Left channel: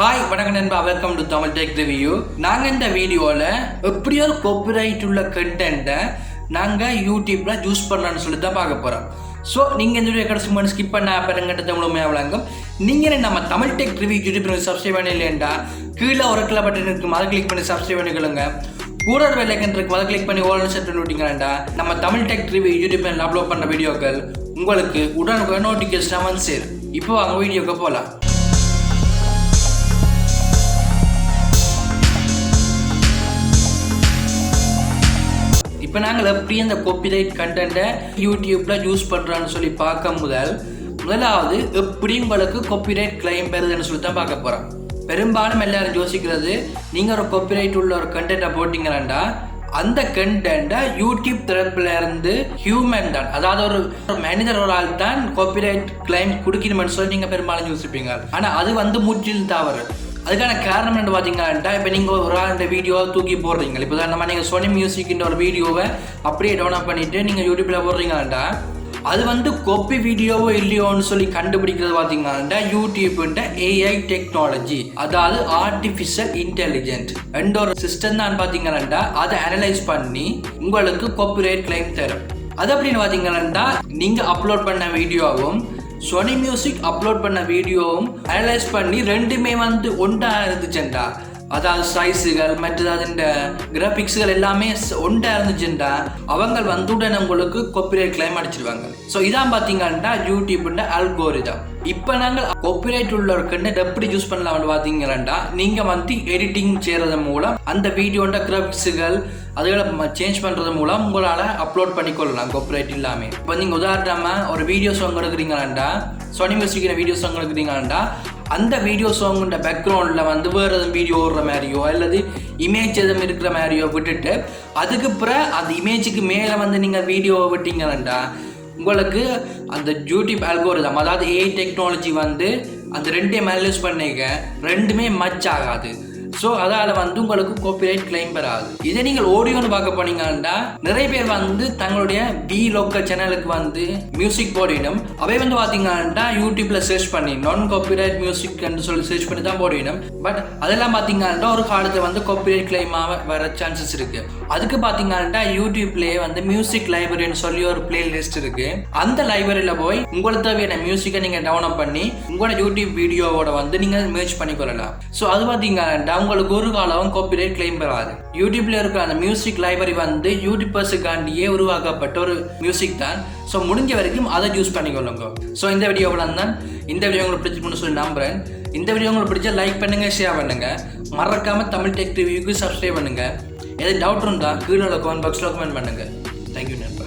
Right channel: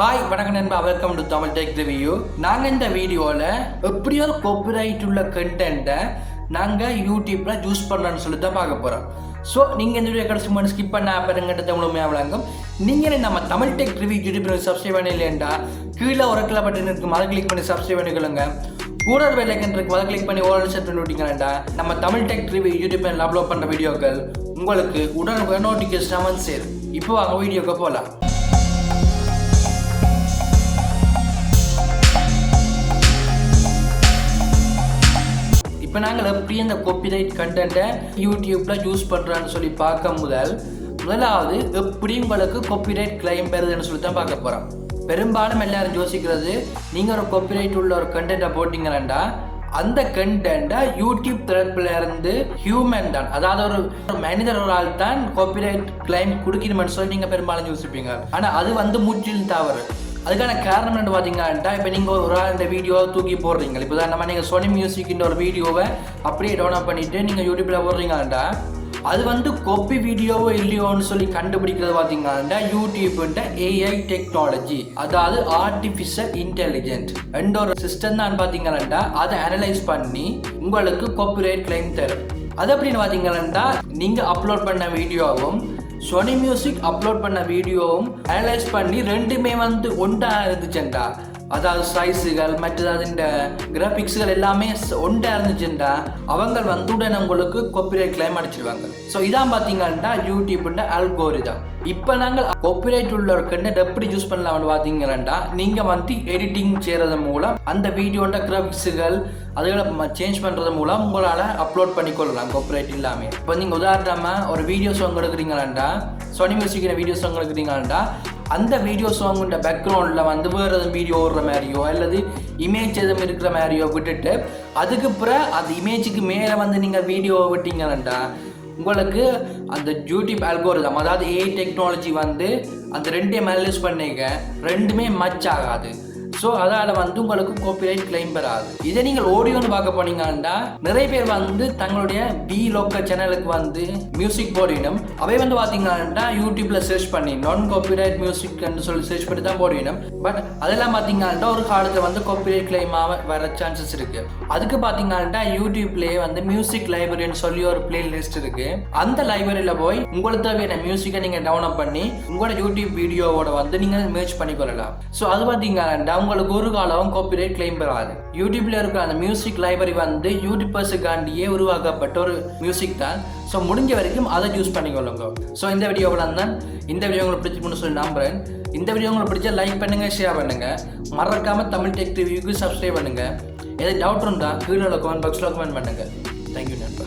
Hi வணக்கம் நண்பா, welcome to Tamil tech review. நாங்கள் இந்த வீடியோவில் எப்படி ஒரு காப்பிரைட் உள்ள கண்டென்ட்டை நாங்கள் யூடியூப்பில் யூஸ் பண்ணலான்னு சொல்லி தான் பார்க்க போகிறோம். ஸோ நீங்கள் இந்த வீடியோ கடைசி ஸ்கிப் பண்ண பெருங்கட்டத்தை முழுமையாக வழங்கும். நீங்கள் நம்ம Tamil tech review YouTube subscribe பண்ணி இல்லையா கீழே ஒரு கிளை பட்டன் இருக்கும், அதை கிளிக் பண்ணி சப்ஸ்கிரைப் பண்ணிக்கொள்ளுங்க. கூட ஒரு பெல்லைக்கன் இருக்கும், அதை கிளிக் பண்ணி ஓரளவு செட் பண்ணி விட்டீங்கன்னா நம்ம தமிழ் டெக் ரிவ்யூ யூடியூப்பில் அப்லோட் பண்ண வீடியோக்கள் உங்களுக்கு உடனுக்குடன் நோட்டிஃபிகேஷன் வந்து சேரும். இப்போ அவங்க வீடியோக்கு போகலாம். இப்போ நாங்கள் எப்படி அந்த காப்பிரைட் கண்டென்ட்டை யூடியூப்பில் யூஸ் பண்ணுறான்னு சொல்லி பார்க்க முதலாவது எப்படி உங்களுக்கு காப்பிரைட் கிளைம் பெறுதுன்னு சொல்லி தான் பார்க்க போகிறோம். பெரும்பாலும் எல்லாரும் யோசிக்கிறது, நீங்கள் ஒரு காப்பிரைட் உள்ள ஒரு கண்டென்ட்டை போட்டிங்கன்னா அந்த கண்டென்ட்டை யூடியூப் தரப்புல இருந்து ஹியூமன் தான், அதாவது ஒரு மனிதர்களால் தான் காப்பிரைட் கிளைம் கொடுக்கணும்னு சொல்லி நீங்கள் பெரும்பாலும் யோசிப்பீங்க. ஆனால் அது முற்றிலும் தவறு. அதுக்கான காரணம் என்ன பார்த்தீங்கன்னா, இப்போ நீங்கள் ஒரு ஆளுடைய வீடியோவை தூக்கி போடுறீங்க. இப்போ தான் நீங்கள் சோனி மியூசிக்கின்ற ஒரு வீடியோவை அப்படியே டவுன்லோட் பண்ணிவிட்டு நீங்கள் யூடியூப்பில் போடுறீங்களாண்டா அது காப்பி வீடியோவோ இல்லையோன்னு சொல்லி கண்டுபிடிக்கிறது பார்த்தீங்கன்னா யூடியூப்ன்ற ஏஐ டெக்னாலஜி, அதாவது ஆர்டிஃபிஷியல் இன்டெலிஜென்ட் என்ற ஒரு சிஸ்டம் தான் பார்த்தீங்கன்னா அதை அனலைஸ் பண்ணி உங்களுக்கு காப்பிரைட் கிளைம் தரும். அது அப்படின்னு பார்த்தீங்கன்னா நீங்கள் அப்லோட் பண்ண வீடியோவும் சோனி மியூசிக் அப்லோட் பண்ண வீடியோவும் அனலைஸ் பண்ணி ரெண்டுமே ஒன்றா இருந்துச்சுண்டா, அதாவது சைஸுகள் மற்றது இந்த கிராபிக்ஸுகள் எல்லாமே ஒன்றா இருந்துச்சுண்டா அவங்க உடனே உங்களுக்கு காப்பிரைட் கிளைம் அடிச்சிருவாங்க. ஸோ இதான் பார்த்தீங்கன்னா யூடியூப்ன்ற அல்கோரிதம். இப்போ நாங்கள் காப்பிரைட் உள்ள ஒரு கண்டென்ட் எப்படி யூஸ் பண்ணலாம்னு பார்த்தீங்கன்னா நீங்கள் எடிட்டிங் செய்கிறது மூலம் அந்த வீடியோட கிராபிக்ஸுகள் அதுகளை சேஞ்ச் பண்ணுறது மூலம் உங்களால் அப்லோட் பண்ணிக்கொள்ளலாம் காப்பிரைட் இல்லாமல். இப்போ நீங்கள் உதாரணமாக ஒரு வீடியோ சாங் எடுக்கிறீங்களாண்டா, சோனி மியூசிக்கிற வீடியோ சாங் எடுக்கிறீங்களாண்டா அந்த வீடியோ சாங்குன்ற பேக்ரவுண்டில் வேறு எதுவும் வீடியோ ஓடுற மாதிரியோ அல்லது இமேஜ் எதுவும் இருக்கிற மாதிரியோ விட்டுட்டு அதுக்கு பிறகு அந்த இமேஜுக்கு மேலே நீங்கள் வீடியோவை விட்டீங்கன்னாண்டா உங்களுக்கு அந்த யூடியூப் அல்கோரிதம், அதாவது ஏஐ டெக்னாலஜி அந்த ரெண்டையும் அனலைஸ் பண்ணிக்க ரெண்டுமே மச் ஆகாது. ஸோ அதால் உங்களுக்கு காப்பிரைட் கிளைம் பெறாது. இதை நீங்கள் ஆடியோன்னு பார்க்க போனீங்கன்னா நிறைய பேர் தங்களுடைய லோக்கல் சேனலுக்கு மியூசிக் போடணும். அவை பார்த்தீங்கன்னா யூடியூப்ல சர்ச் பண்ணி நான் காப்பிரைட் மியூசிக் சொல்லி சர்ச் பண்ணி தான் போடணும். பட் அதெல்லாம் பார்த்தீங்கன்னா ஒரு காலத்தில் காப்பிரைட் கிளைம் வர சான்சஸ் இருக்கு. அதுக்கு பார்த்தீங்கன்னா யூடியூப்லேயே மியூசிக் லைப்ரரின்னு சொல்லி ஒரு பிளே லிஸ்ட் இருக்கு. அந்த லைப்ரரியில போய் உங்களுக்கு தேவையான மியூசிக்கை நீங்கள் டவுன்லோட் பண்ணி உங்களோட யூடியூப் வீடியோவோட நீங்கள் மேட்ச் பண்ணிக்கொள்ளலாம். ஸோ அது பார்த்தீங்கன்னா உங்களுக்கு ஒரு காலம் காப்பிரைட் கிளைம் பெறாது. யூடியூப்ல இருக்க அந்த மியூசிக் லைப்ரரி யூடியூபர்ஸுக்காண்டியே உருவாக்கப்பட்ட ஒரு மியூசிக் தான். ஸோ முடிஞ்ச வரைக்கும் அதை யூஸ் பண்ணிக்கொள்ளுங்க. ஸோ இந்த வீடியோவில் தான் இந்த வீடியோ உங்களுக்கு பிடிச்சிருக்குன்னு சொல்லி நம்புறேன். இந்த வீடியோ உங்களுக்கு பிடிச்சா லைக் பண்ணுங்க, ஷேர் பண்ணுங்க, மறக்காம தமிழ் டெக் ரிவ்யூக்கு சப்ஸ்கிரைப் பண்ணுங்க. எதாவது டவுட் இருந்தால் கீழே கமெண்ட் பாக்ஸில் கமெண்ட் பண்ணுங்க. தேங்க்யூ நண்பா.